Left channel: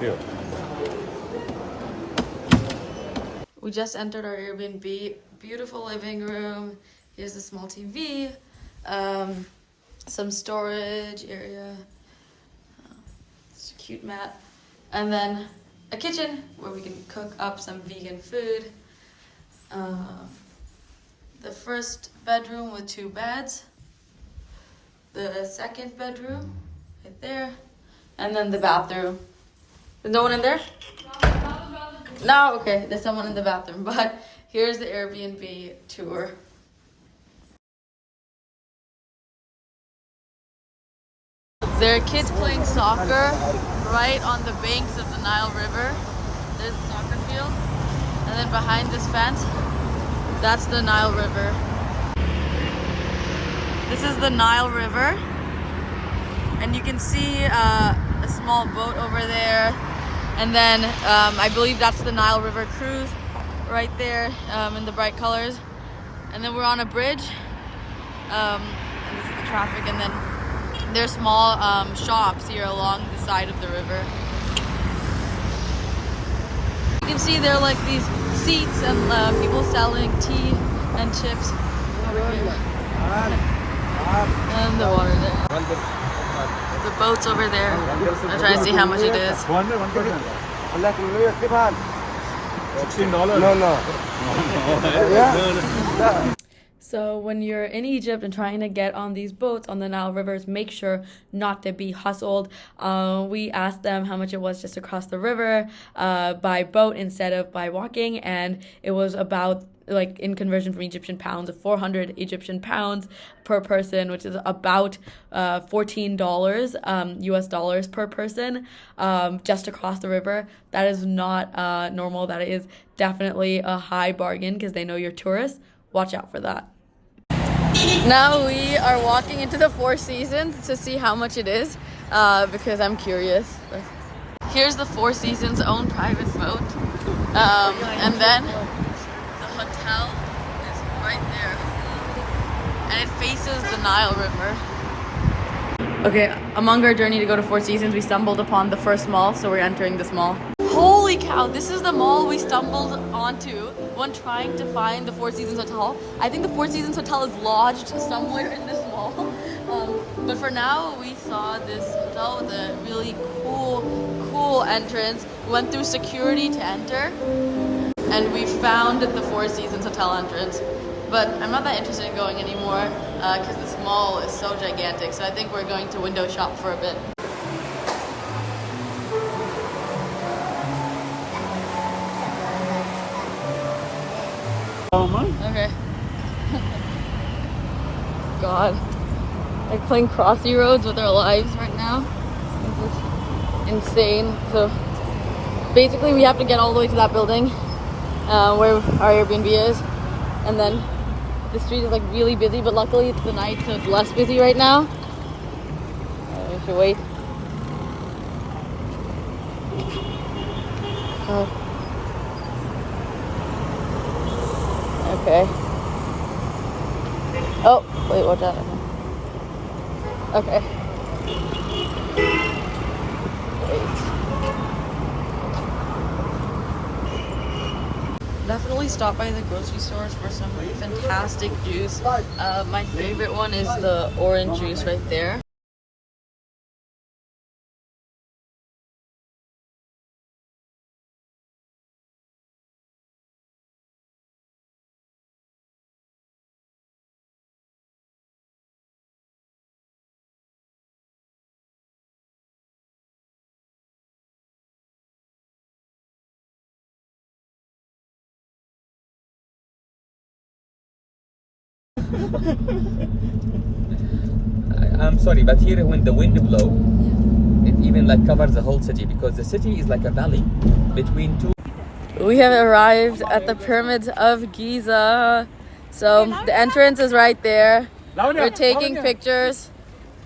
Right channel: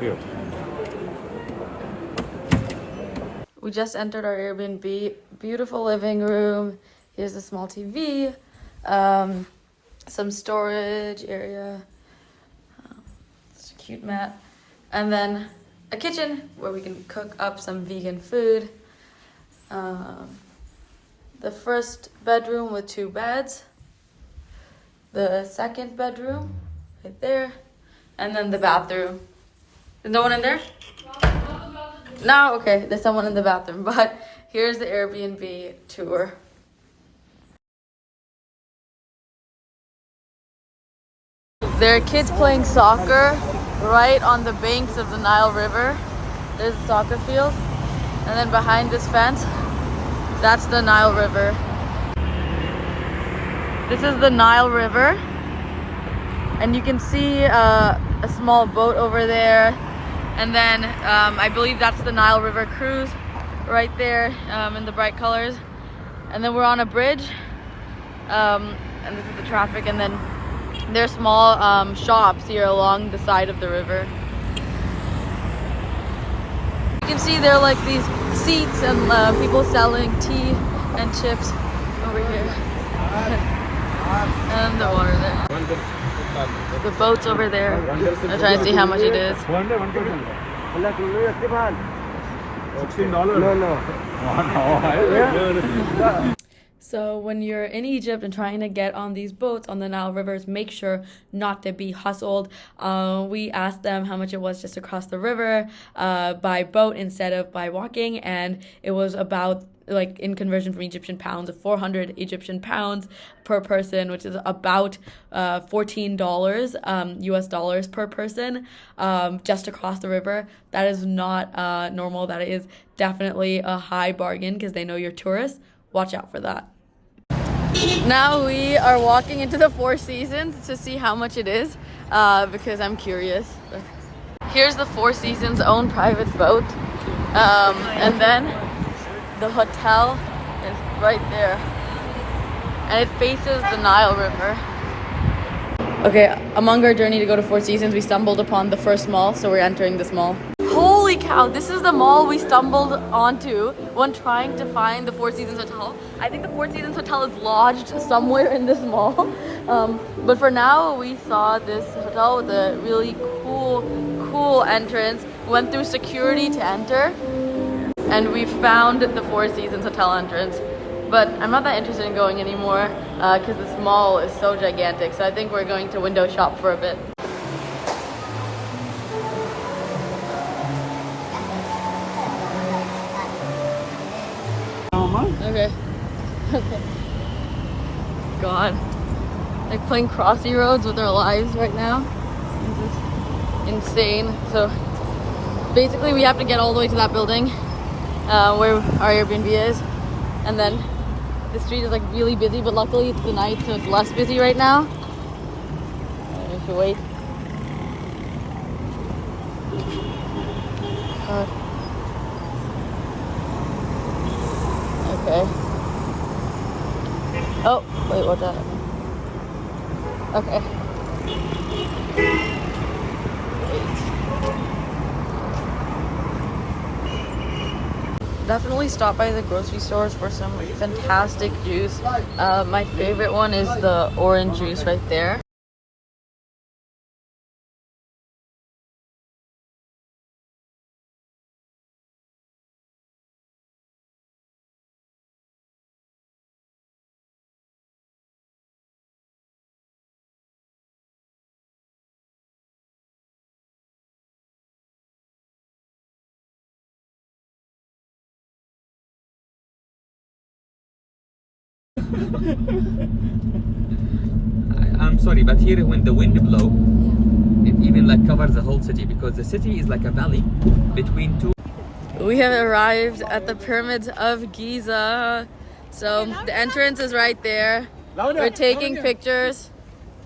Here. We just entered our Airbnb. Beautiful living room. Here's a small TV. Some storage area. It's a cute mat. And then a kitchen where we can cook up some vegan food. The first bedroom with 2 beds. The second bedroom right there. And then the bathroom. Is no one in there? No, okay, there's someone in the bathroom, but here's the Airbnb tour. There are kids playing soccer right on the banks of the Nile River. There's a soccer field. And then behind this fence, that's the Nile River. This is the Nile River. And you can see a small boat over there. And then I believe that's the Nile River cruise right there in the bright colors. And then we're on a bridge. And this is the traffic. And then there's small shops here along the side of the river. You can see there are like these seats and people selling tea and chips over here. And the water there. The boat's over there. I'm trying to see how much it is. $1. $16. No. So when you're in Egypt and trying to get on these boats on the Nile rivers, make sure not to be hustled. We asked them how much it was just to cross the river by boat instead of by walking, and it was about, like, in conversion from Egyptian pounds, 400 Egyptian pounds per person, which is about $14 US dollars per person, just to cross the river. That is not normal. That is definitely a high bargain because they know you're tourists. Watch out for that. Now we are walking into the Four Seasons to see how much it is because I'm curious. Here's the Four Seasons own private boat, and then the hotel is right there, and it faces the Nile River. Okay, among our journey to go to Four Seasons, we stumbled upon the first mall, so we're entering this mall. Holy cow, this is the mall we stumbled onto when trying to find the Four Seasons Hotel. I think the Four Seasons Hotel is lodged somewhere in this mall. But for now, we saw this hotel with a really cool entrance. Went through security to enter, and we found the Four Seasons Hotel entrance. But I'm not that interested in going anymore because this mall is so gigantic. So I think we're going to window shop for a bit. Okay. God. Like playing Crossy Roads with our lives right now. This is insane. So basically we have to get all the way to that building where our Airbnb is. And then the street is like really busy, but luckily it's the night, so it's less busy right now. We should wait. Okay. Oh, wait, what's that? Okay. Definitely stop by the grocery stores for some fantastic juice. My favorite one is the orange juice right there. I'm sorry, but here when the wind blows, it even like covers the whole city because the city is like a valley between two. We have arrived at the pyramids of Giza. So the entrance is right there. We're taking pictures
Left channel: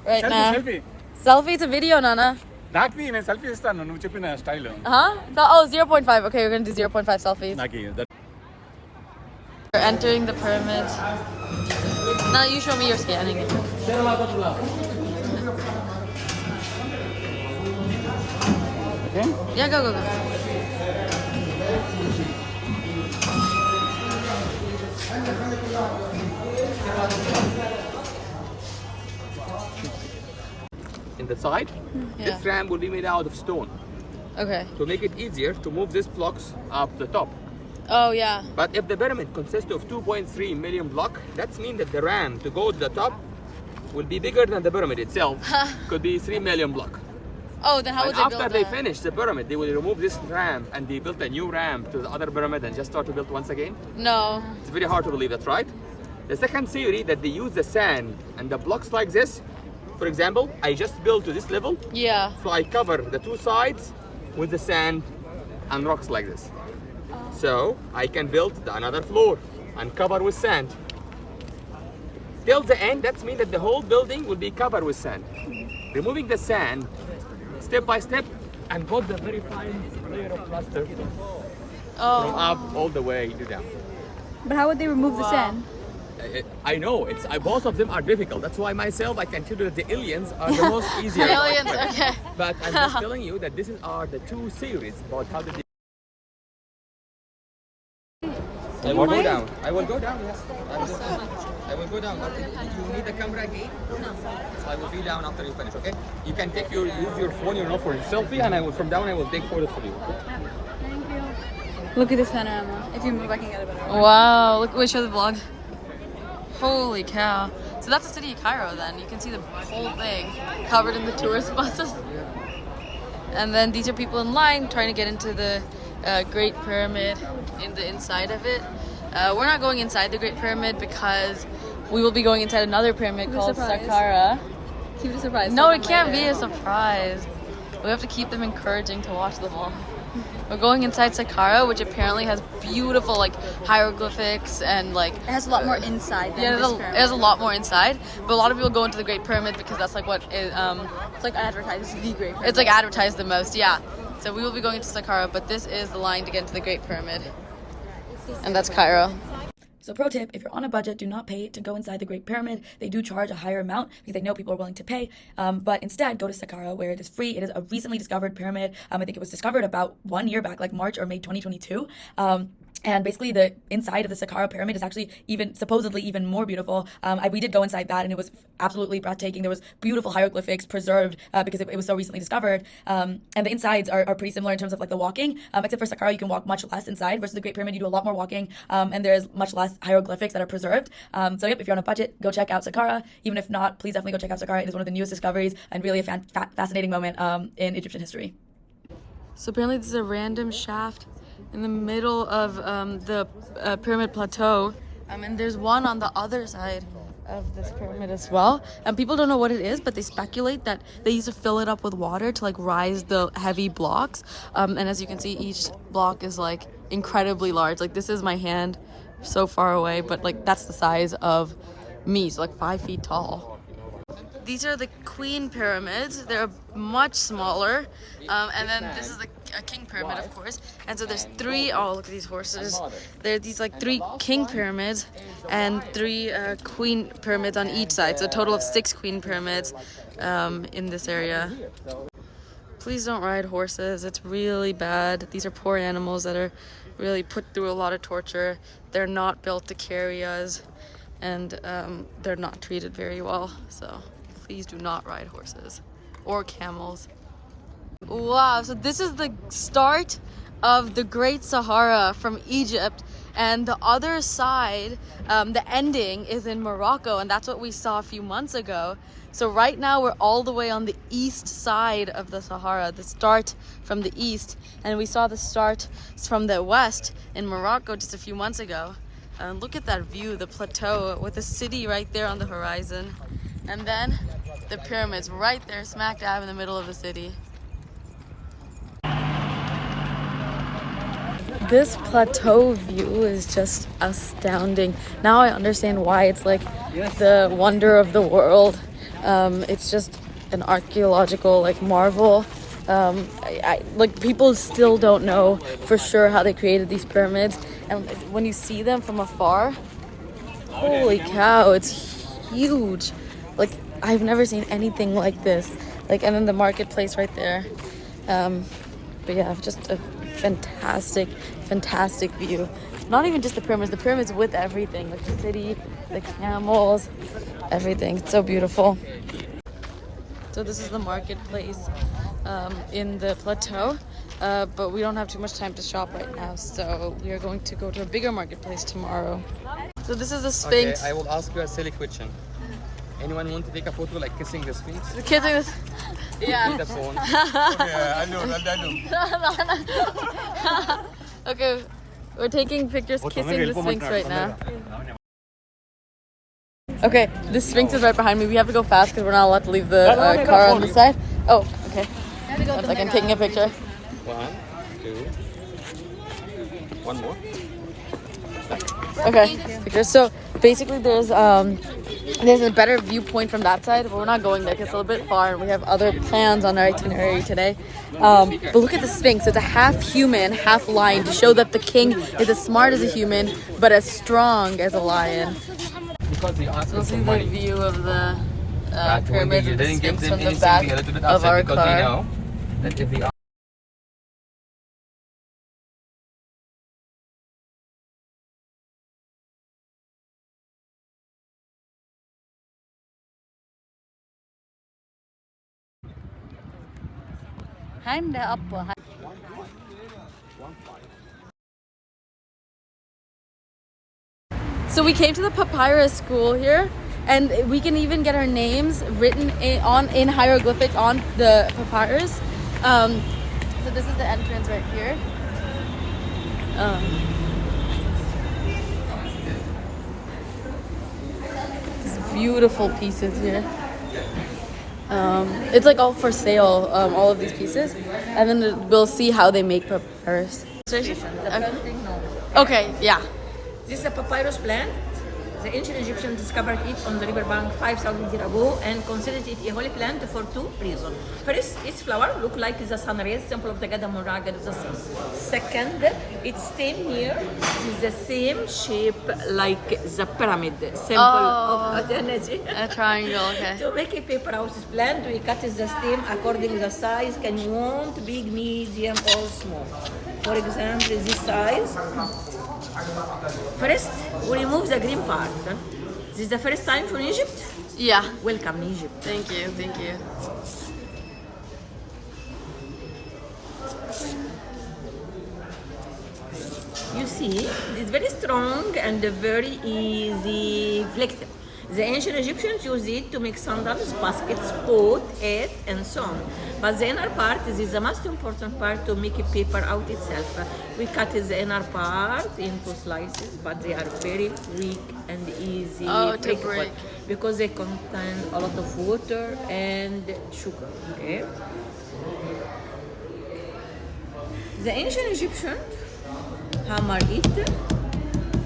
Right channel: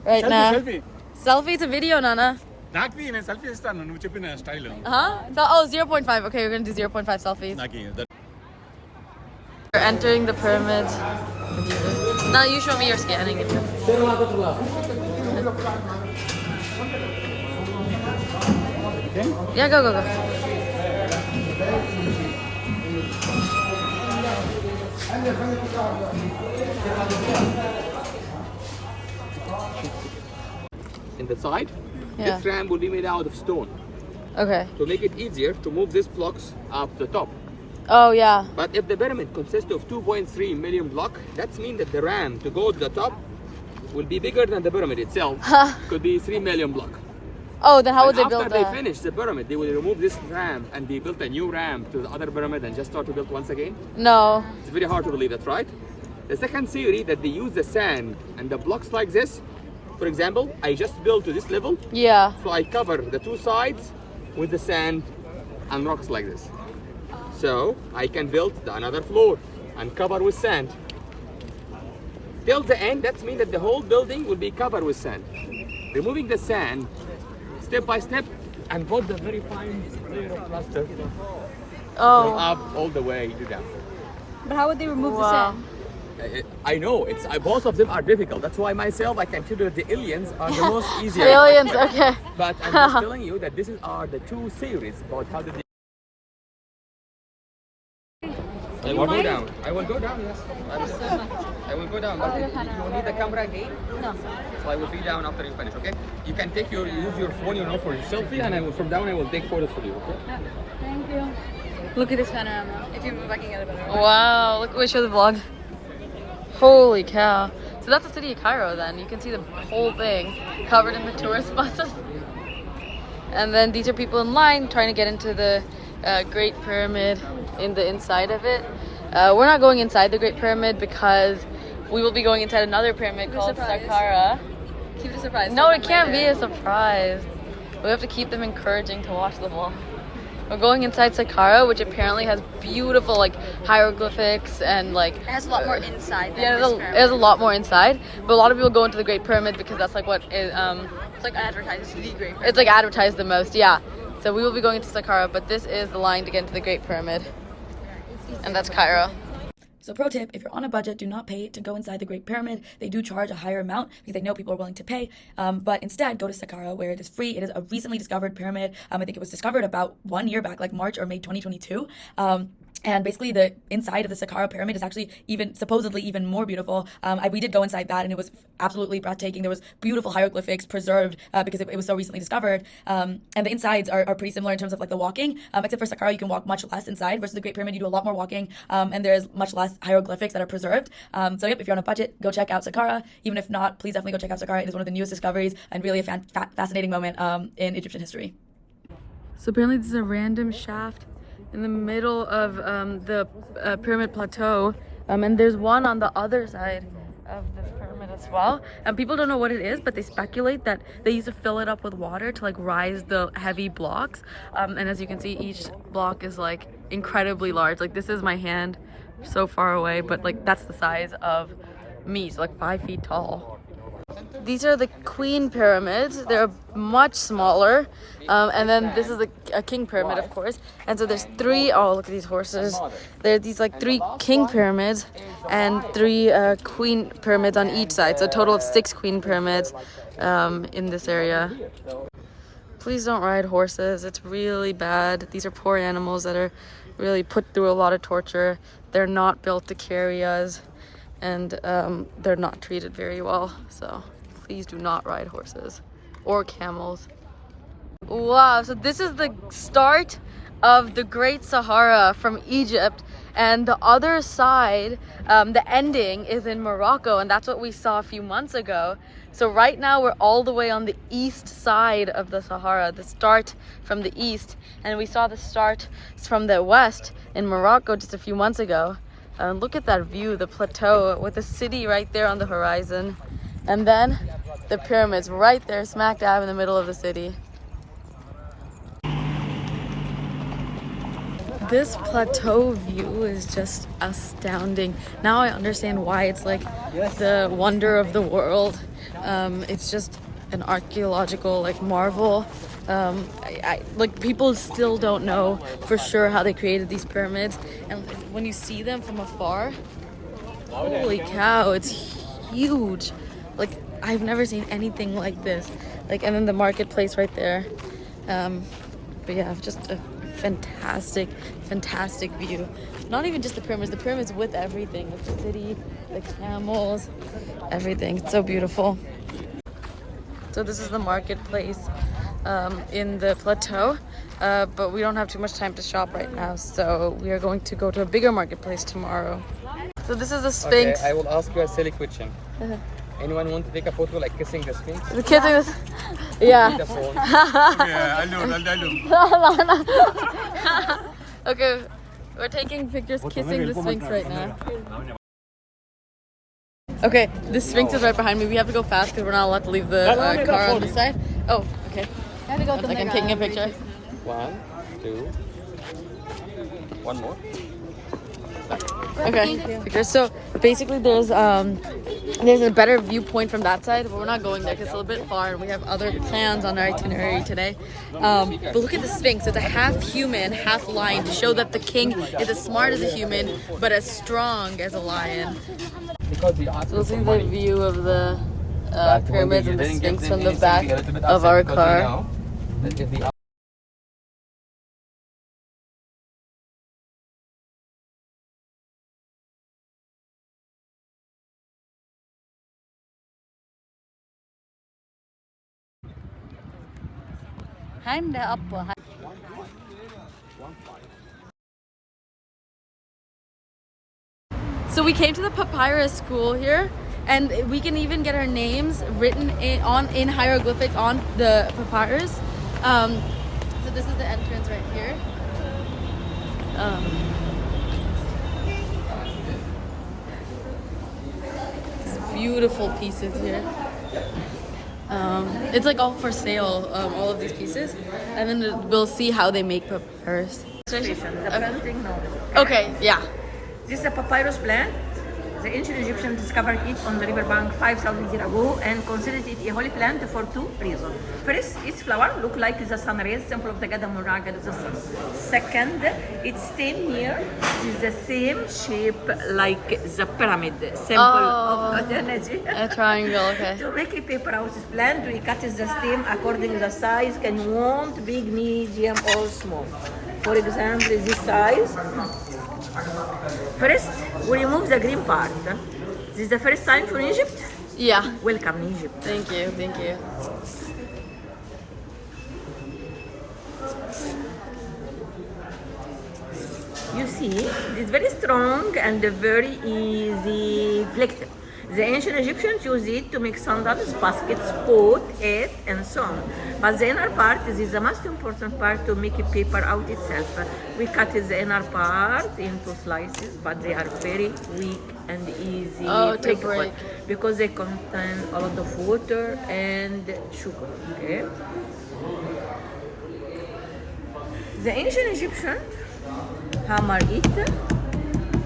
right now. Selfie to video, Nana. Selfie style. Huh? Oh, 0.5. Okay, we're gonna do 0.5 selfies. We're entering the pyramid. Now you show me your scanning. Okay? Yeah, go, go, go. In the side, Yeah. this ramp will be made out of stone Okay. to make it easier to move these blocks up the top. Oh, yeah. But if the pyramid consists of 2.3 million blocks, that means that the ramp to go to the top will be bigger than the pyramid itself. Could be 3 million blocks. Oh, then how would And they build after they that? finish the pyramid, they will remove this ramp and they built a new ramp to the other pyramid and just start to build once again. No. It's very hard to believe that's right. The second theory that they use the sand and the blocks like this. For example, I just built to this level, Yeah. so I cover the two sides with the sand and rocks like this. So I can build another floor and cover with sand. Till the end, that means that the whole building will be covered with sand. Removing the sand step by step and put the very fine layer of plaster from Oh. up all the way to down. But how would they remove the Wow. sand? I know both of them are difficult. That's why myself I consider the aliens are the most easier. Aliens, okay. But I'm just telling you that this are the two theories about how the. I will go down. I will go down. Yes. I will go down. But you need the camera again. So I will be down after you finish. Okay. You can use your phone, for your selfie, and I will from down. I will take photos for you. Okay. Thank you. Look at this panorama. If you move, I can get a better one. Wow. Look, we show the vlog. Holy cow. So that's the city of Cairo then. You can see the whole thing covered in the tourist buses. And then these are people in line trying to get into the Great Pyramid in the inside of it. We're not going inside the Great Pyramid because we will be going inside another pyramid called surprise. Saqqara. Keep you surprised. No, it can't be a surprise. We have to keep them encouraging to watch them all. We're going inside Saqqara, which apparently has beautiful like hieroglyphics and like It has a lot more inside. than yeah, this it has a lot more inside. But a lot of people go into the Great Pyramid because that's like what is It's like advertised. The Great. it's like advertised the most. Yeah. So we will be going into Saqqara, but this is the line to get into the Great Pyramid, and that's Cairo. So pro tip, if you're on a budget, do not pay to go inside the Great Pyramid. They do charge a higher amount because they know people are willing to pay. But instead, go to Saqqara where it is free. It is a recently discovered pyramid. I think it was discovered about 1 year back, like March or May 2022. And basically the inside of the Saqqara pyramid is actually supposedly even more beautiful. We did go inside that and it was absolutely breathtaking. There was beautiful hieroglyphics preserved because it was so recently discovered. And the insides are pretty similar in terms of like the walking, except for Saqqara you can walk much less inside versus the Great Pyramid you do a lot more walking and there's much less hieroglyphics that are preserved. So yep, if you're on a budget, go check out Saqqara. Even if not, please definitely go check out Saqqara. It is one of the newest discoveries and really a fascinating moment in Egyptian history. So apparently this is a random shaft in the middle of the pyramid plateau, and there's one on the other side of this pyramid as well. And people don't know what it is, but they speculate that they used to fill it up with water to like rise the heavy blocks. And as you can see, each block is like incredibly large. Like this is my hand so far away, but like that's the size of me, so like 5 feet tall. These are the queen pyramids. They're much smaller. And then this is a king pyramid, of course. And so there's three, oh, look at these horses. There are these like 3 king pyramids and 3 queen pyramids on each side. So a total of 6 queen pyramids in this area. Please don't ride horses. It's really bad. These are poor animals that are really put through a lot of torture. They're not built to carry us. And they're not treated very well, so please do not ride horses or camels. Wow, so this is the start of the Great Sahara from Egypt, and the other side, the ending is in Morocco, and that's what we saw a few months ago. So right now we're all the way on the east side of the Sahara, the start from the east, and we saw the start from the west in Morocco just a few months ago. Look at that view, the plateau with the city right there on the horizon. And then the pyramids right there, smack dab in the middle of the city. This plateau view is just astounding. Now I understand why it's like the wonder of the world. It's just an archaeological like marvel. Like people still don't know for sure how they created these pyramids, and when you see them from afar, holy cow, it's huge. Like I've never seen anything like this. Like, and then the marketplace right there, But yeah, just a fantastic view. Not even just the pyramids with everything, the city, the camels, everything. It's so beautiful. So this is the marketplace in the plateau, but we don't have too much time to shop right now, so we are going to go to a bigger marketplace tomorrow. So this is the Sphinx. Okay, I will ask you a silly question. Anyone want to take a photo like kissing the Sphinx? The kids are yeah. The phone. Yeah, I know. Okay, we're taking pictures kissing the Sphinx right now. Okay, the Sphinx is right behind me. We have to go fast because we're not allowed to leave the car on this side. Oh, okay. 1 second, taking a picture. 1, 2. One more. Okay, picture. So basically, there's a better viewpoint from that side, but we're not going there because it's a little bit far, and we have other plans on our itinerary today. But look at the Sphinx. It's a half human, half lion to show that the king is as smart as a human, but as strong as a lion. So we'll see the view of the pyramids and the Sphinx from the back of our car. Hand up. So we came to the Papyrus school here, and we can even get our names written in hieroglyphics on the papyrus. So this is the entrance right here. These beautiful pieces here. It's like all for sale, all of these pieces, and then we'll see how they make papyrus. The planting, no. Okay, yeah. This is a papyrus plant. The ancient Egyptians discovered it on the riverbank 5,000 years ago and considered it a holy plant for 2 reasons. First, its flower look like the sun rays, symbol of the god Murag, the sun. Second, its stem here is the same shape like the pyramid, symbol of energy. A triangle, okay. To make a paper house plant, we cut the stem according to the size. Can you want big, medium, or small? For example, this size. First, we remove the green part. This is the first time for Egypt? Yeah. Welcome in Egypt. Thank you, thank you. You see, it's very strong and very easy flexible. The ancient Egyptians used it to make sandals, baskets, pot, hat, and so on. But the inner part is the most important part to make a paper out itself. We cut the inner part into slices, but they are very weak and easy to break because they contain a lot of water and sugar. Okay. The ancient Egyptians hammer it.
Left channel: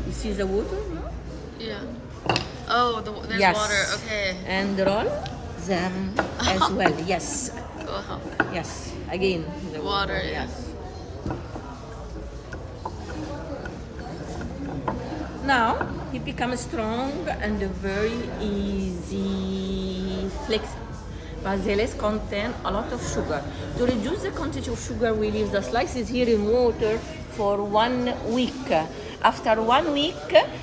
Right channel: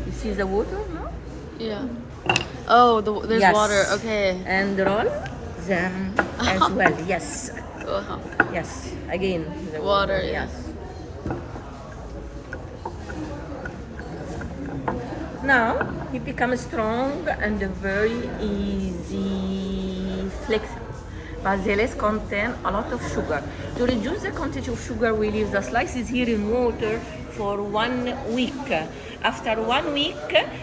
You see the water, no? Yeah. Oh, there's Yes. water. Okay. And roll them as well. Yes. Wow. Yes. Again. The Water, yes. Now it becomes strong and very easy flexible. But the less contain a lot of sugar. To reduce the quantity of sugar, we leave the slices here in water for 1 week. After 1 week,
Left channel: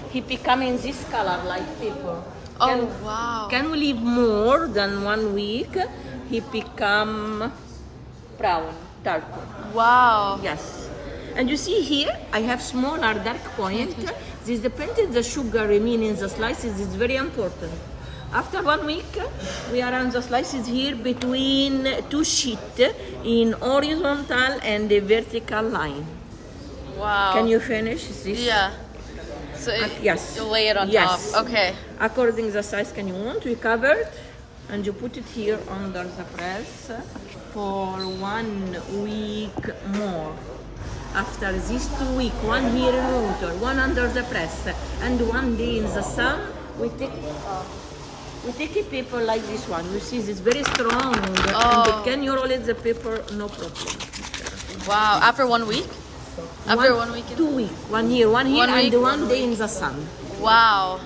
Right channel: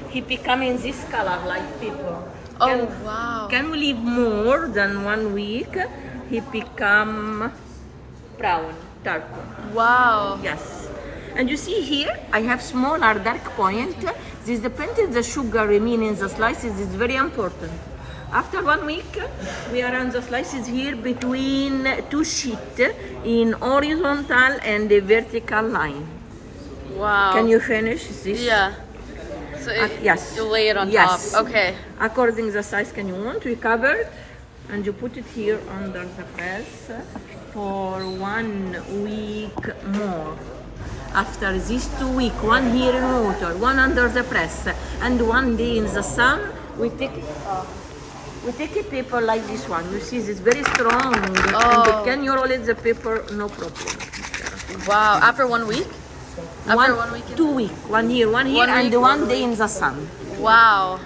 he become in this color like paper. Oh, wow. Can we leave more than 1 week? He become brown, dark. Wow. Yes. And you see here, I have smaller dark point. This depends on the sugar remain in the slices is very important. After 1 week, we arrange the slices here between 2 sheets in horizontal and a vertical line. Wow. Can you finish this? Yeah. So yes. you lay it on Yes. top. Okay. According to the size can you want, we cover it and you put it here under the press for 1 week more. After these 2 weeks, 1 here in water, 1 under the press, and 1 day in the sun, we take a paper like this one. You see, it's very strong. And can you roll it the paper? No problem. Wow. After 1 week? After 1 week? 2 weeks. 1 year, 1 year, 1 week, and 1 1 day in the sun. Wow.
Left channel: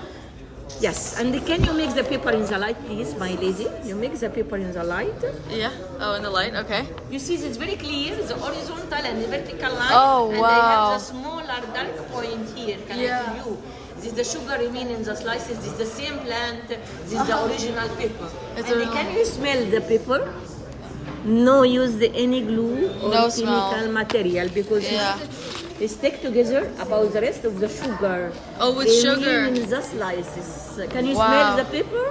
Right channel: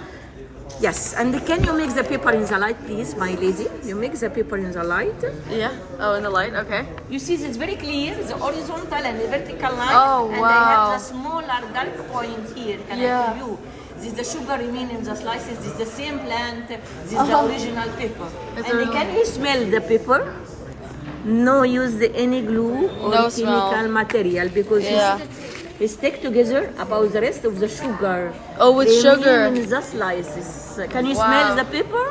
Yes, and can you mix the paper in the light, please, my lady? You mix the paper in the light. Yeah. Oh, in the light. Okay. You see, it's very clear, the horizontal and the vertical line. Oh, and wow. I have the smaller dark point here. Can Yeah. I tell you? This is the sugar remain in the slices. This is the same plant. This is the original pepper. It's And original. can you smell the pepper? No use any glue or No chemical smell. material because Yeah. it stick together about the rest of the sugar. Oh, with Remain sugar. in the slices. Can you Wow. smell the pepper?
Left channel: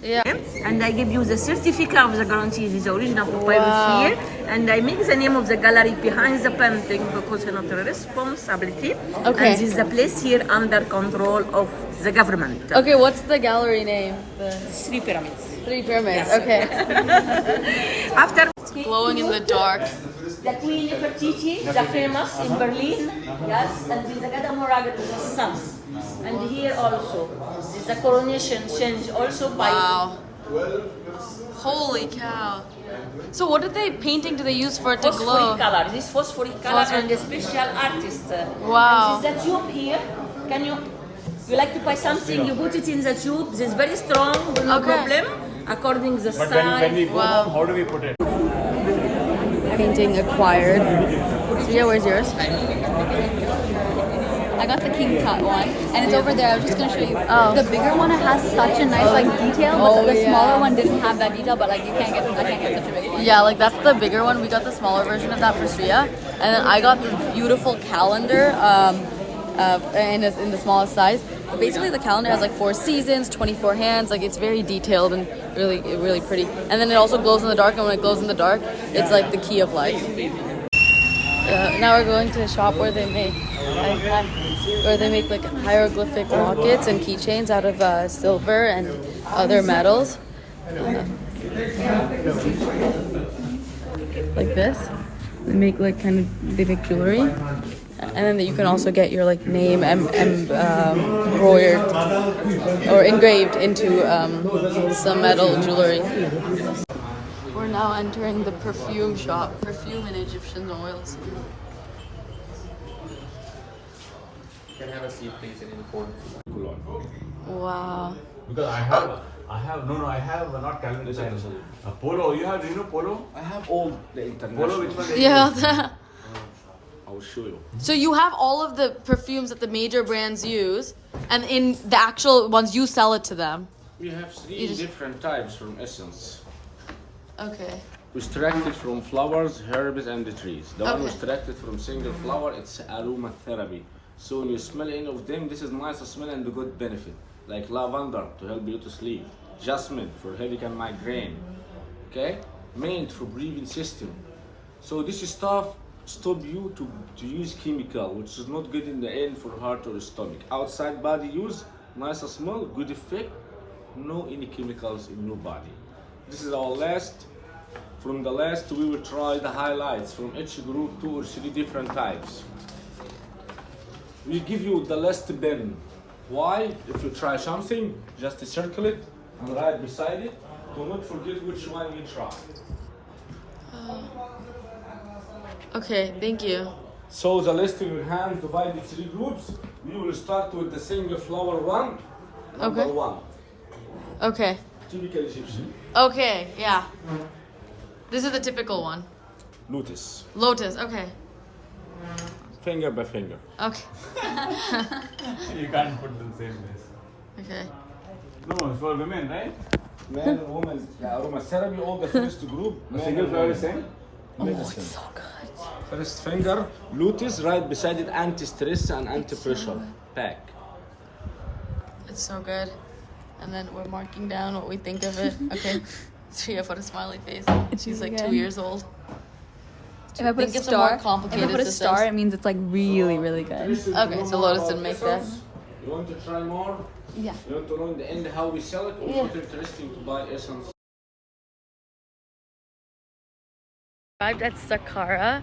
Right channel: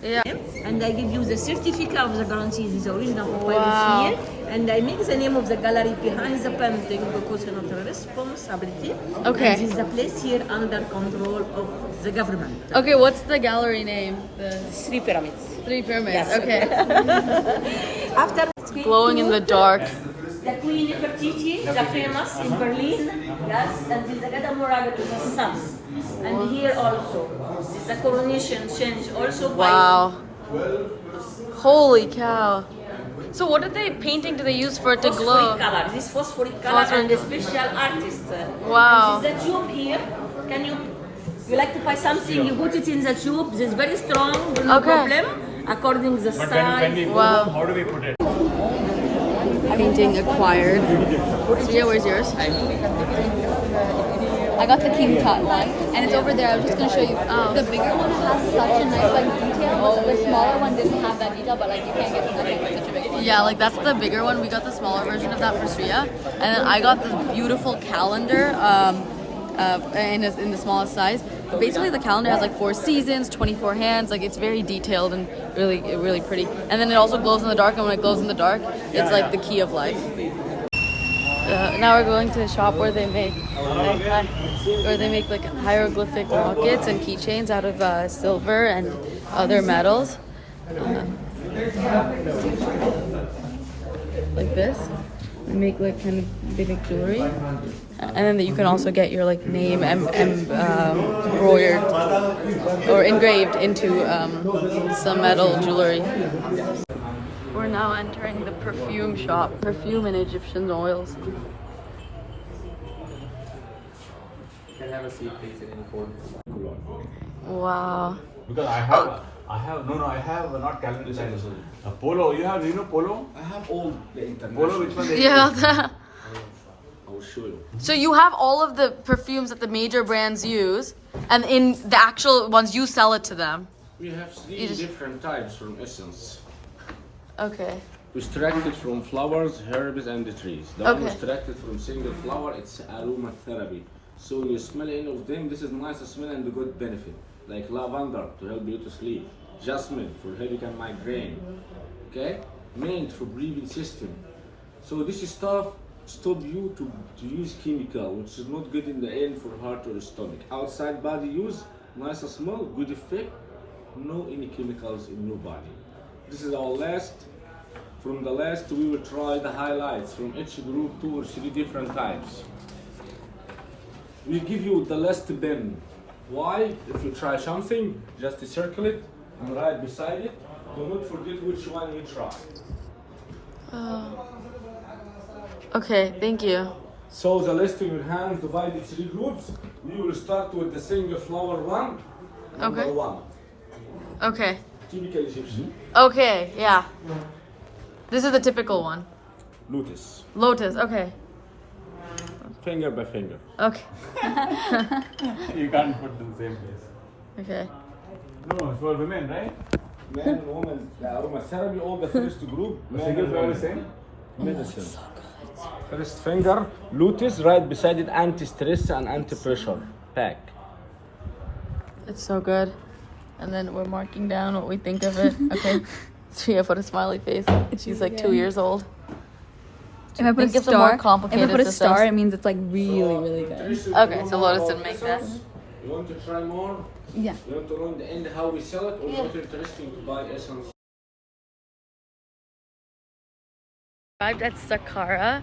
Yeah. And I give you the certificate of the guarantee. This is the original Papyrus Wow. here. And I make the name of the gallery behind the painting because it's not a responsibility. Okay. And this is the place here under control of the government. Okay. What's the gallery name? The Three pyramids. Three Pyramids. Okay. After Glowing in the dark. the Queen Nefertiti, the famous in Berlin. Yes, and this is the Gada Moraga to the sun. And here also, this is the coronation change also by Wow. Holy cow. So what did they painting do they use for it to phosphoric glow? color. This phosphoric color and the special artist. Wow. And this is the tube here. Can you like to buy something? You put it in the tube. This is very strong, no Okay. problem. According the size. Wow. How do we put it? Painting acquired. Yeah, where's yours? I got the king cut one, and it's over there. I was just gonna show you. Oh. The bigger one has such a nice like detail, but the smaller one doesn't have that detail. But like you can't get such a big one. Yeah, like that's the bigger one. We got the smaller version of that for Shreya, and then I got the beautiful calendar in the smallest size. But basically, the calendar has like 4 seasons, 24 hands. Like it's very detailed and really pretty. And then it also glows in the dark. And when it glows in the dark, it's like the key of life. Now we're going to a shop where they make like hieroglyphic lockets and keychains out of silver and other metals. Like this. They make like kind of big jewelry. And then you can also get your like name embroidered or engraved into some metal jewelry. We're now entering the perfume shop. Perfume and Egyptian oils. You can have a seat, please, in any corner. Wow. Because I have not calendar size. A polo, you know polo? I have all the international. Polo, which one? Yeah. I will show you. So you have all of the perfumes that the major brands use, and in the actual ones you sell it to them. We have three just- different types from essence. Okay. We extracted from flowers, herbs, and the trees. The one Okay. we extracted from single flower, it's aromatherapy. So when you smell any of them, this is nice smell and a good benefit. Like lavender to help you to sleep. Jasmine for headache and migraine. Okay? Mint for breathing system. So this stuff stop you to use chemical, which is not good in the end for heart or stomach. Outside body use, nice smell, good effect, no any chemicals in your body. This is our last. From the last, we will try the highlights from each group, 2 or 3 different types. We give you the last bin. Why? If you try something, just circle it and write beside it. Do not forget which one you try. Okay, thank you. So the list in your hands divided 3 groups. We will start with the single flower one. Number Okay. 1. Okay. Typical Egyptian. Okay, yeah. This is the typical one. Lotus. Lotus, okay. Finger by finger. Okay. You can't put in the same place. Okay. No, it's for women, right? Men and women, aromatherapy, all the first group. Men Single and flower women. same? Medicine. So good. First finger, lotus, right beside it, anti-stress and anti-pressure pack. It's so good. And then we're marking down what we think of it. Okay. Shreya put a smiley face. She's like 2 years old. Think of some more complicated systems. It means it's like really, really good. Okay, so Lotus didn't make that. You want to try more? Yeah. You want to know in the end how we sell it, or not interesting to buy essence? Arrived at Saqqara,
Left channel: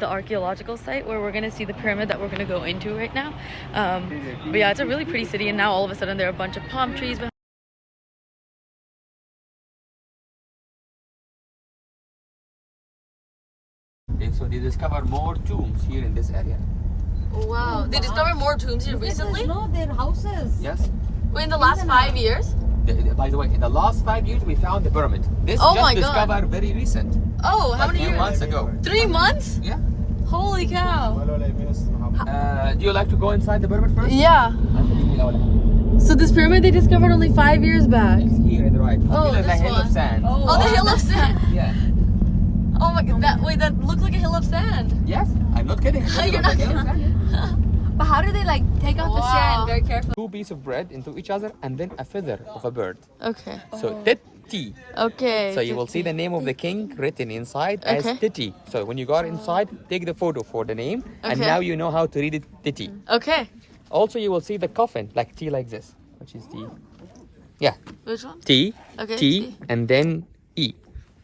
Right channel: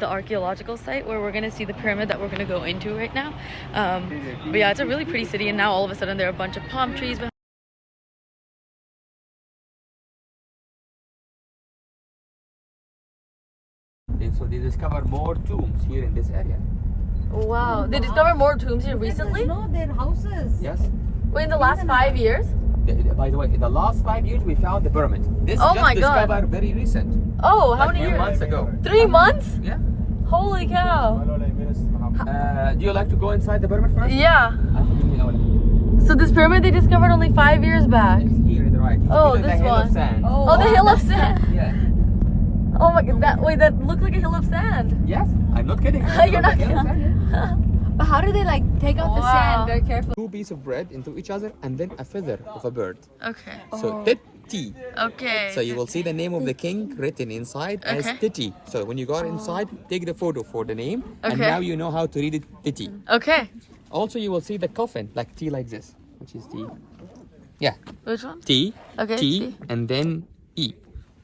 the archaeological site where we're going to see the pyramid that we're going to go into right now. But yeah, it's a really pretty city, and now all of a sudden there are a bunch of palm trees behind. So they discovered more tombs here in this area. Wow, they discovered more tombs here recently? No, they're houses. Yes. Wait, in the last 5 years? By the way, in the last 5 years, we found the pyramid. This Oh just my God. discovered very recent. Oh, how Like many few years? months ago. 3 months? Yeah. Holy cow. Do you like to go inside the pyramid first? Yeah. So this pyramid they discovered only 5 years back. It's here in the right. Oh, Look at this the hill of one. sand. Oh, the hill of sand. Yeah. Oh my god, that looks like a hill of sand. Yes, I'm not kidding. You're not kidding. But how do they like take out the Wow. sand very carefully? 2 pieces of bread into each other and then a feather of a bird. Okay. So Titi. Okay. So you will see the name of the king written inside as Okay. Titi. So when you go inside, take the photo for the name, and Okay. now you know how to read it Titi. Okay. Also, you will see the coffin like T like this, which is T. Yeah, Which one? T, Okay, T, T. and then E.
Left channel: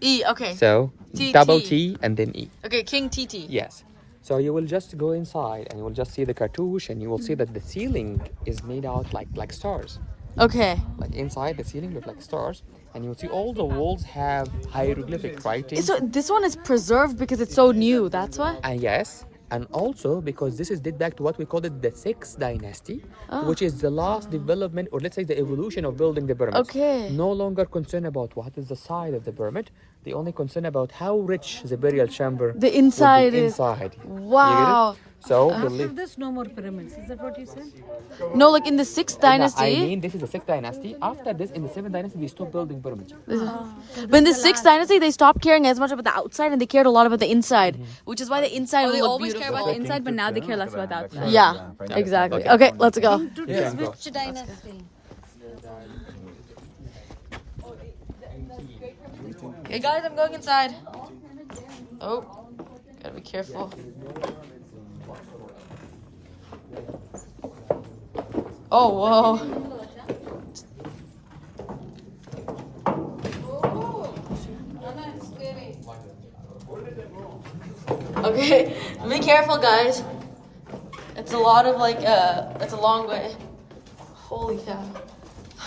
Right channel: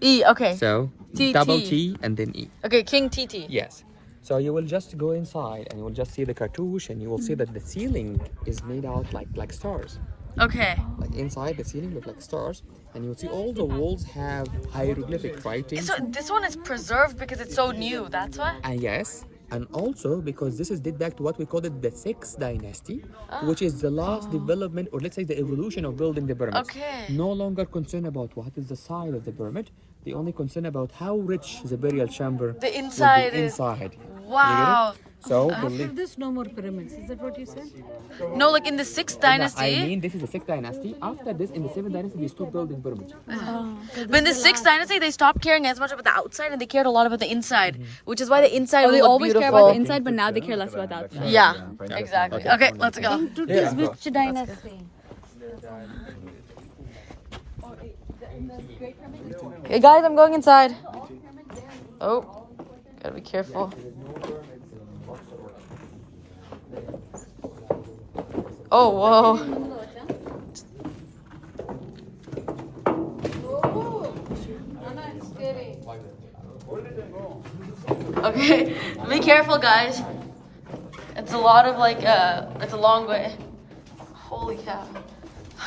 E. Okay. So T, double T. T and then E. Okay, King TT. Yes. So you will just go inside and you will just see the cartouche, and you will see that the ceiling is made out like stars. Okay. Like inside the ceiling look like stars, and you will see all the walls have hieroglyphic writing. So this one is preserved because it's so new. That's why. And yes, and also because this is date back to what we call it the 6th dynasty, which is the last development, or let's say the evolution of building the pyramids. Okay. No longer concerned about what is the size of the pyramid. They only concerned about how rich the burial chamber The inside will be is- inside. Wow. You get it? So After believe. this, no more pyramids. Is that what you said? No, like in the 6th dynasty. I mean, this is the 6th dynasty. After this, in the 7th dynasty, we stopped building pyramids. But in the 6th dynasty, they stopped caring as much about the outside and they cared a lot about the inside, which is why the inside They will look always care beautiful. about the inside, but now they care less about the outside. Yeah, exactly. Okay, let's go. To this which dynasty? Hey guys, I'm going inside. Oh, gotta be careful. Oh, whoa. Okay, be careful, guys. It's a lot of like, it's a long way. Holy cow.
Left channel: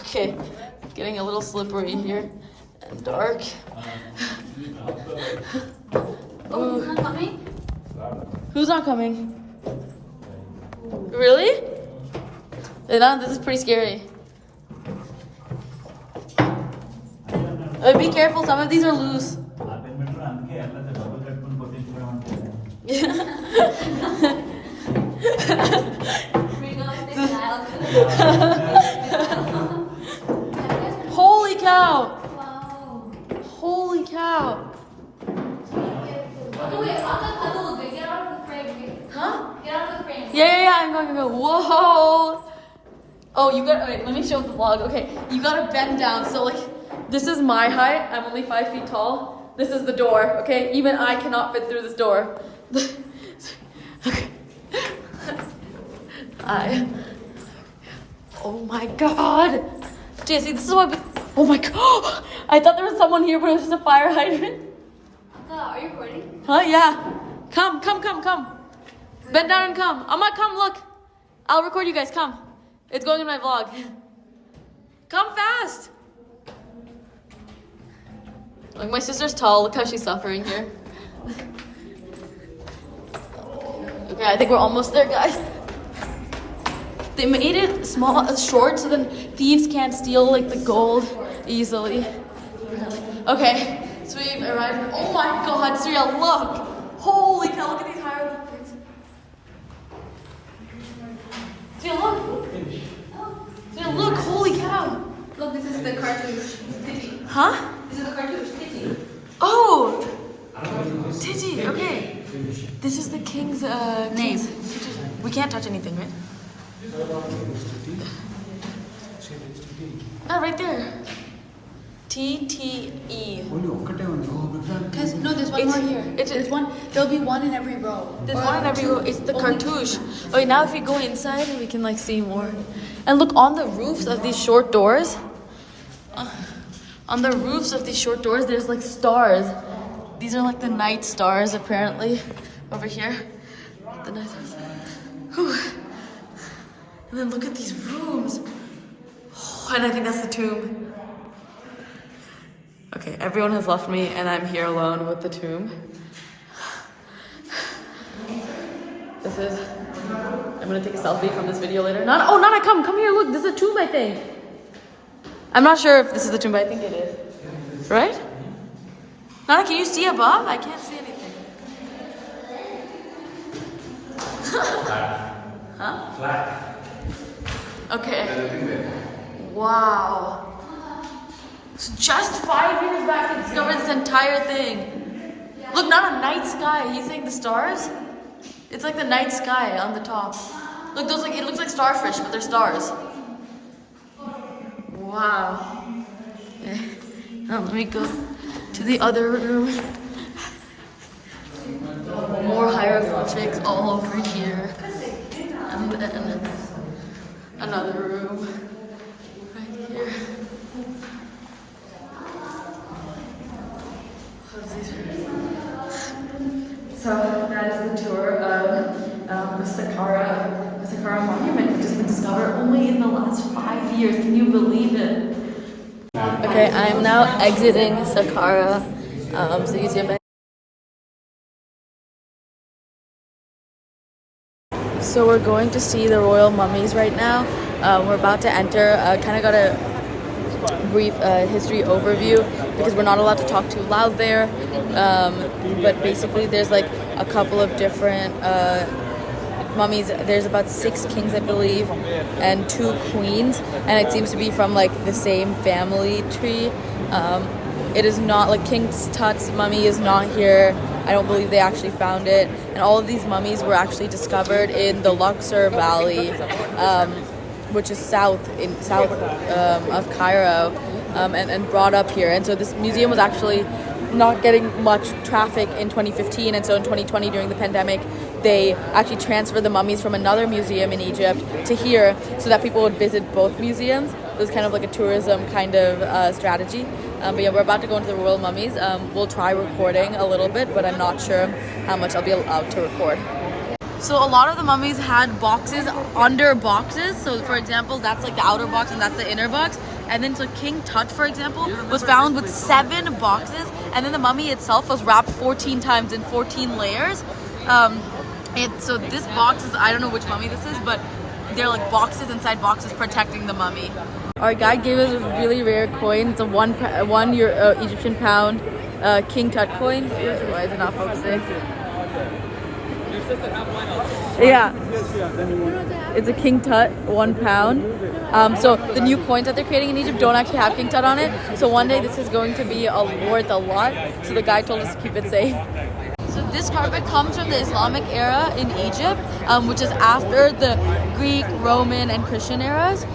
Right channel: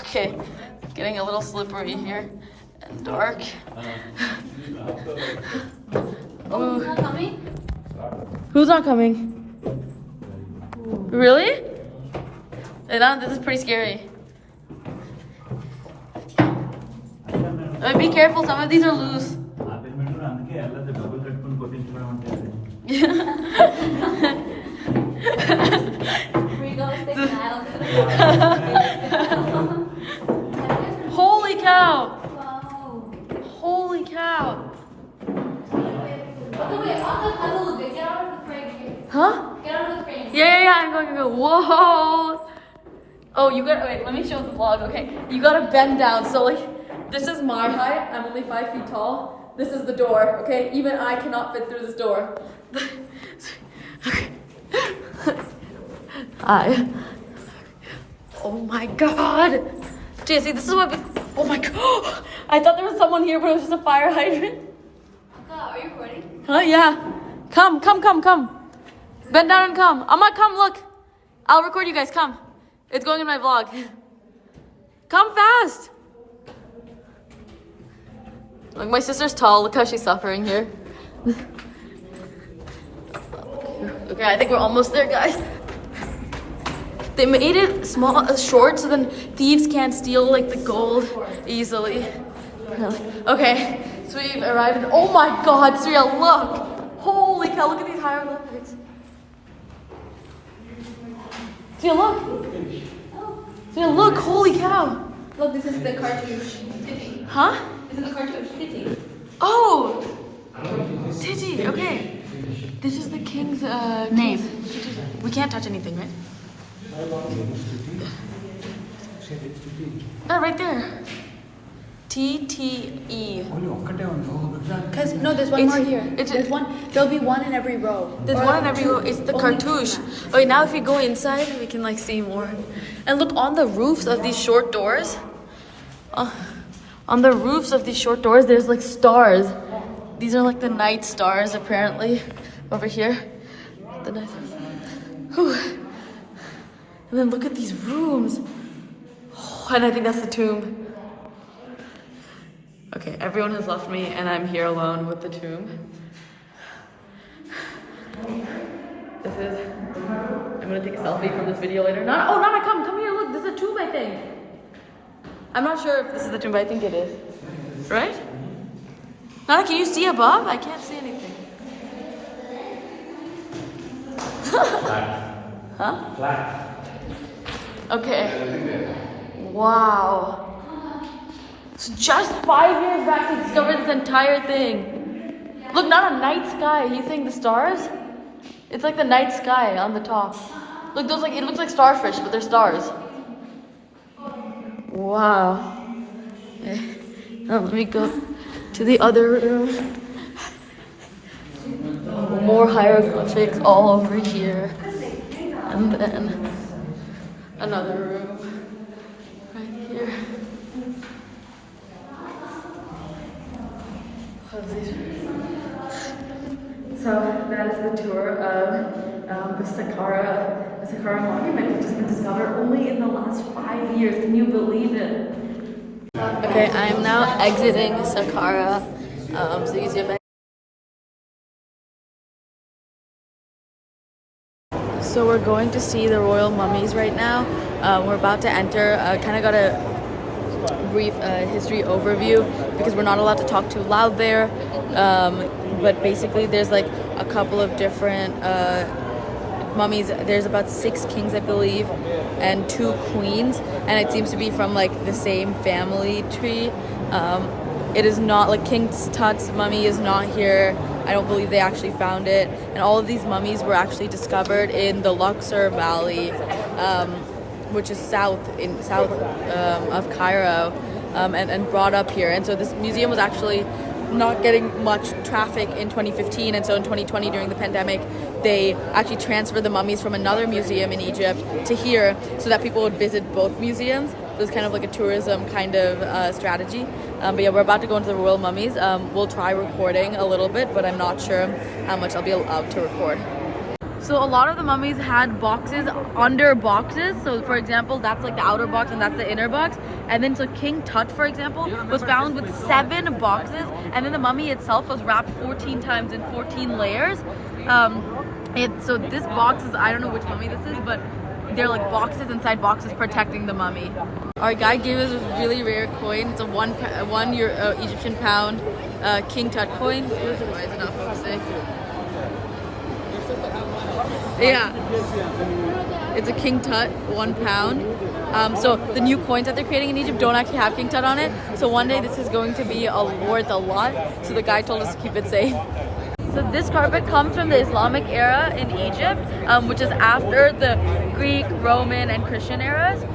Okay, getting a little slippery here and dark. Oh, he's not coming? Who's not coming? Really? This is pretty scary. Be careful, some of these are loose. Holy cow! Holy cow! Wait, on the little bit. Get out of the frame. Huh? Get out of the frame. Yeah, I'm going to go. Whoa! Oh, you gotta, wait, let me show the vlog, okay? You gotta bend down, so like, this is my height, I'm only 5 feet tall. This is the door, okay? Even I cannot fit through this door. Okay. Oh my god! JC, this is what oh my god! I thought there was someone here, but it was just a fire hydrant. Are you recording? Huh? Yeah. Come. Bend down and come. Amma, come, look. I'll record you guys, come. It's going in my vlog. Come fast. Look, my sister's tall. Look how she's suffering here. Okay, I think we're almost there, guys. They made it small, short, so then thieves can't steal like the gold easily. Really? Okay, so we've arrived in, oh my god, Surya, look! Holy cow, look at these hieroglyphics. Surya, look! Surya, look, holy cow! Look, this is the cartouche. Titty. Huh? This is the cartouche. Titty. Oh! Titi, okay. This is the king's, king's. We can't touch anything, right? Oh, right there. TTE. Because no, there's one It's- more here. it's- There's one. There'll be one in every row. There's one in every row. It's the cartouche. Okay, now if we go inside, we can like see more. And look on the roofs of these short doors. On the roofs of these short doors, there's like stars. These are like the night stars, apparently. Over here. The night stars. Whew. And then look at these rooms. Oh, and I think that's the tomb. Okay, everyone has left me and I'm here alone with the tomb. This is, I'm gonna take a selfie from this video later. Nana, come here, look, this is a tomb I think. I'm not sure if this is the tomb, but I think it is. Right? Nana, can you see above? I can't see anything. Huh? Flat. Okay. Wow. So just 5 years back, he discovered this entire thing. Look, not a night sky. He's saying the stars? It's like the night sky on the top. Look, those like it looks like starfish, but they're stars. Wow. Let me go to the other room. More hieroglyphics all over here. And then another room right here. So that is the tour of the Saqqara monument, which has been discovered only in the last 5 years. Can you believe it? Okay, I'm now exiting Saqqara museum. So we're going to see the royal mummies right now. We're about to enter. Kind of got a brief history overview because we're not allowed to talk too loud there. But basically, there's like a couple of different mummies. There's about 6 kings, I believe, and 2 queens, and it seems to be from like the same family tree. It is not like King Tut's mummy is not here. I don't believe they actually found it. And all of these mummies were actually discovered in the Luxor Valley, which is south of Cairo, and brought up here. And so this museum was actually not getting much traffic in 2015, and so in 2020 during the pandemic they actually transferred the mummies from another museum in Egypt to here so that people would visit both museums. It was kind of like a tourism kind of strategy. But yeah, we're about to go into the royal mummies. We'll try recording a little bit, but I'm not sure how much I'll be allowed to record. So a lot of the mummies had boxes under boxes. So for example, that's like the outer box and that's the inner box. And then so King Tut, for example, was found with 7 boxes, and then the mummy itself was wrapped 14 times in 14 layers. So this box is, I don't know which mummy this is, but they're like boxes inside boxes protecting the mummy. Our guy gave us a really rare coin. It's a one Egyptian pound King Tut coin. Why is it not focusing? Yeah, it's a King Tut, 1 pound. So the new coins that they're creating in Egypt don't actually have King Tut on it. So one day this is going to be worth a lot. So the guy told us to keep it safe. So this carpet comes from the Islamic era in Egypt, which is after the Greek, Roman, and Christian eras.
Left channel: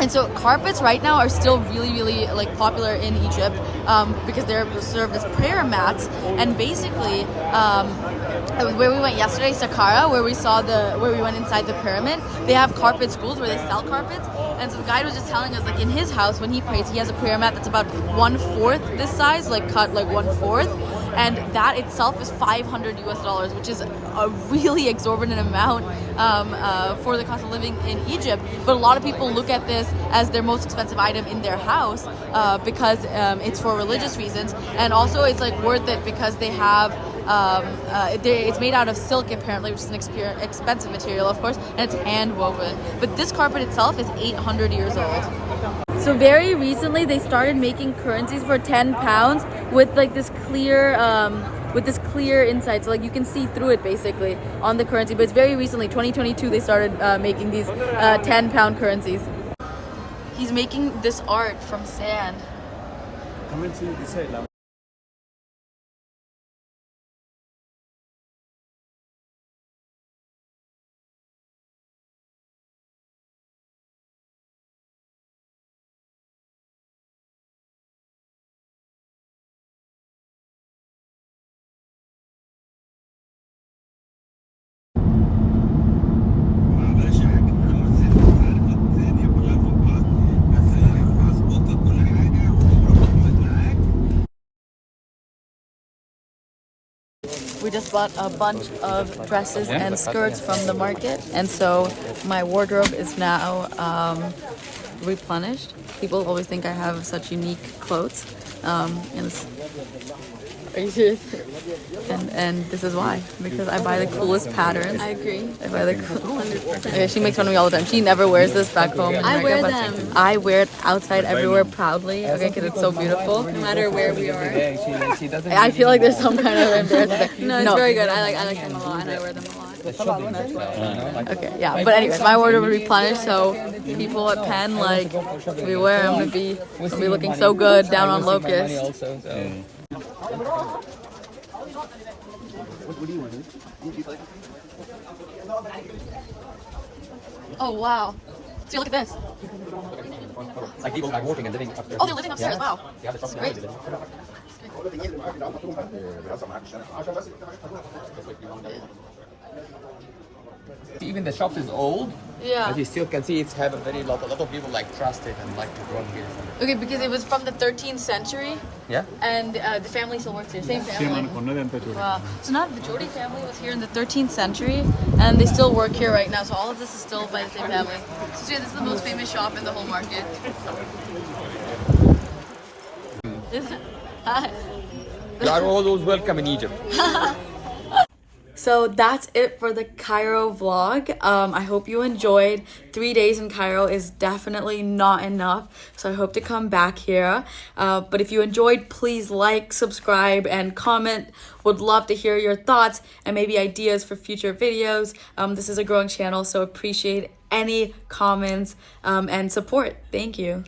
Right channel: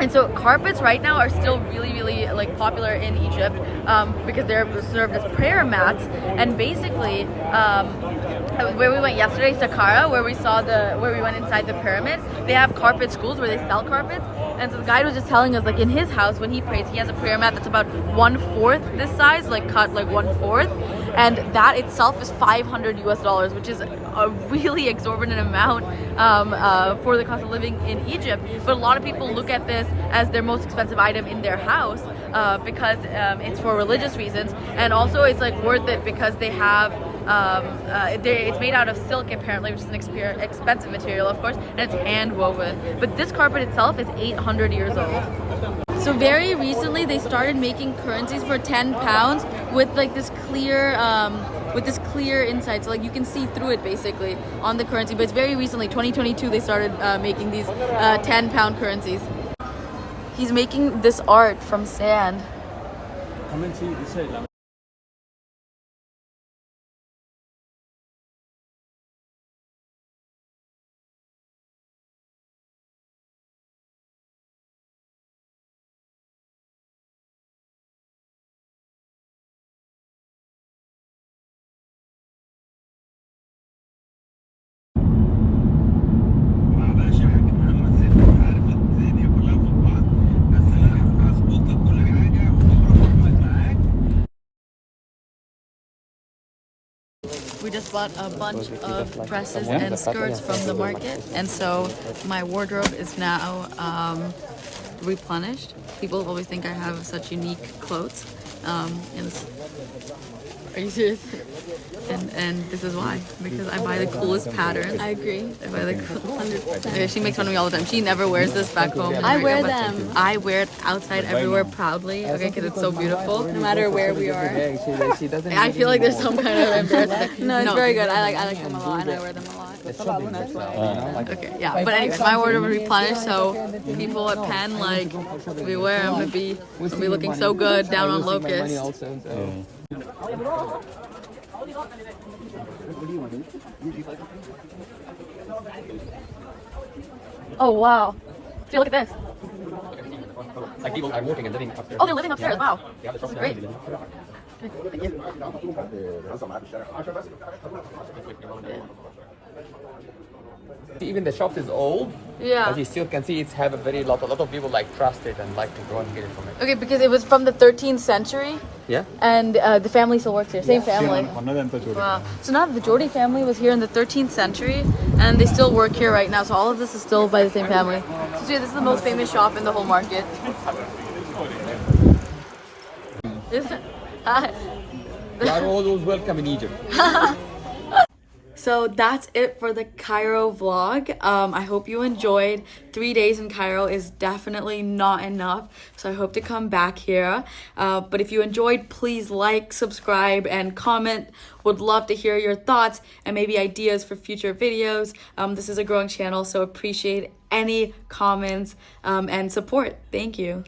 And so carpets right now are still really like popular in Egypt because they're served as prayer mats. And basically, where we went yesterday, Saqqara, where we went inside the pyramid, they have carpet schools where they sell carpets. And so the guide was just telling us, like in his house when he prays, he has a prayer mat that's about 1/4 this size, like cut like 1/4. And that itself is $500 US, which is a really exorbitant amount for the cost of living in Egypt. But a lot of people look at this as their most expensive item in their house because it's for religious reasons, and also it's like worth it because they have it's made out of silk apparently, which is an expensive material, of course, and it's hand woven. But this carpet itself is 800 years old. So very recently they started making currencies for 10 pounds with like this clear inside, so like you can see through it basically on the currency. But it's very recently, 2022, they started making these 10-pound currencies. He's making this art from sand. Come and see this side. We just bought a bunch of dresses and skirts from the market, and so my wardrobe is now replenished. People always think I have such unique clothes, and Are you serious? And this is why, because I buy the coolest patterns. I agree. I buy the 100%. yeah, she makes fun of me all the time. She never wears this back home in I America, wear but them. I wear it outside everywhere proudly, okay, because it's so beautiful. No matter where we are. She doesn't. I feel like there's some kind of embarrassment. No, it's very good. I like them a lot and I wear them a lot. That's why. Okay, yeah, but anyways, my wardrobe replenished, so people at Penn, like, beware, I'm gonna be looking so good down on Locust. Also, so. Oh, wow. See, look at this. Like people are working and living upstairs. Oh, they're living upstairs, wow. This is great. Thank you. Even the shop is old, Yeah. but you still can see it's had a lot of people like trust it and like to go in here. Okay, because it was from the 13th century, Yeah. and the family still works here, same family. Wow. So now the Jordy family was here in the 13th century, and they still work here right now. So all of this is still by the same family. So yeah, this is the most famous shop in the whole market. You are always welcome in Egypt. So that's it for the Cairo vlog. I hope you enjoyed. 3 days in Cairo is definitely not enough, so I hope to come back here. But if you enjoyed, please like, subscribe, and comment. Would love to hear your thoughts and maybe ideas for future videos. This is a growing channel, so appreciate any comments and support. Thank you.